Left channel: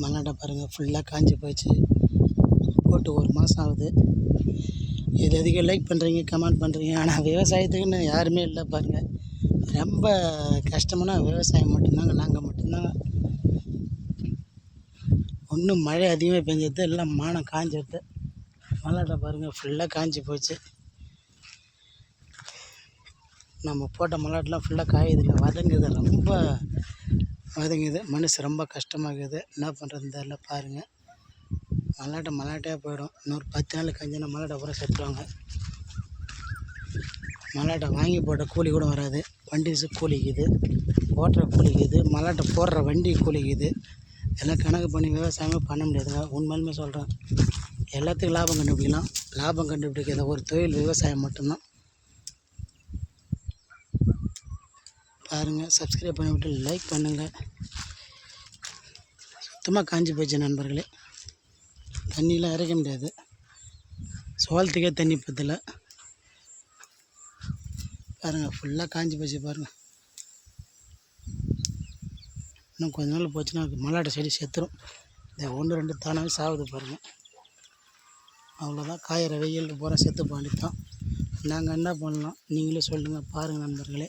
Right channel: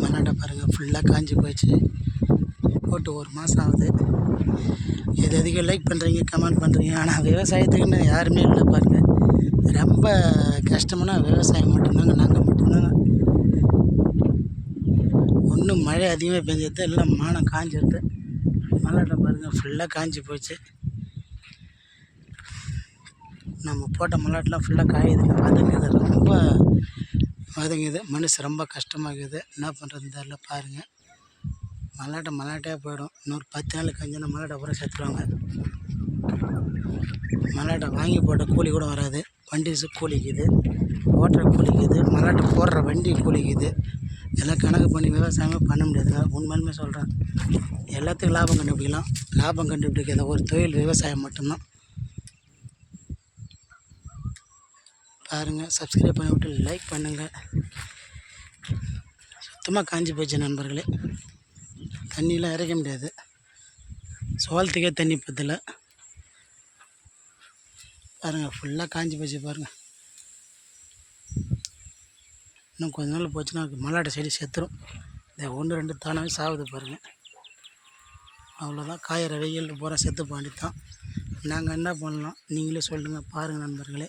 மல்லாட்டை பாருங்கள் ஃபுல்லாக காஞ்சி போயிடுச்சு. போட்டு 1 மாதம் ஆகுது. இது அதிகம் லைக் பண்ணுறீங்க, கமெண்ட் பண்ணுறீங்க. ஆனால் விவசாயத்துக்குன்னு யாருமே இல்லை பாருங்கள். ரொம்ப கஷ்டமான விவசாயம் மட்டும்தாங்க. நாங்கள் மட்டும்தாங்க. ஒன்றும் மழை அதிகமாக பெஞ்சது, எல்லாம் மானம் காஞ்சிருது. மல்லாட்டை பாருங்கள் ஃபுல்லாக காஞ்சி போச்சு. நம்ம போட்ட மல்லாட்டெலாம் ஃபுல்லாக காயுதுங்க, வதங்குது, ரொம்ப வதங்குது. மனசு ரொம்ப கஷ்டமாகுது. என்ன பண்ணுறதுன்னு தெரியல. பாருங்கள் மல்லாட்டையாக போயிடும். இன்னொரு 10 நாள் கஞ்சினா மல்லாட்டை பூரா செத்துடுவாங்க. மல்லாட்டை வாங்கி போட்ட கூலி கூட வராது. வண்டி கூலிக்குது, ஓட்டுற கூலிக்குது, மல்லாட்டை போடுற வண்டி கூலிக்குது. எல்லாம் கணக்கு பண்ணி விவசாயமே பண்ண முடியாதுங்க. உண்மையிலுமே சொல்கிறேன். எல்லாத்துக்கும் லாபம் கண்டுபிடிக்கலாம். லாபம் கண்டுபிடிக்காத ஒரு தொழில் விவசாயம் மட்டும்தான். பாருங்கள், சப்ஸ்கிரைப் பண்ணிவிட்டு லைக் பண்ணுங்கள். சுத்தமாக காஞ்சி போச்சு நண்பர்களே. தண்ணியெலாம் இறைக்க முடியாது. சோளத்துக்கே தண்ணி பத்தலை. பாருங்கள் ஃபுல்லாக காஞ்சி போச்சு. பாருங்கள் இன்னும் கொஞ்ச நாள் போச்சுன்னா மல்லாட்டை செடி செத்துரும். இந்த 1 2 தானாகவே சாகுது பாருங்கள். அவ்வளோதான். காயிற வெயில் பூரா செத்து பாண்டித்தான். நாங்கள் என்ன பண்ணலாம் நீங்களே சொல்லுங்கள். பாருங்கள் நண்பர்களே.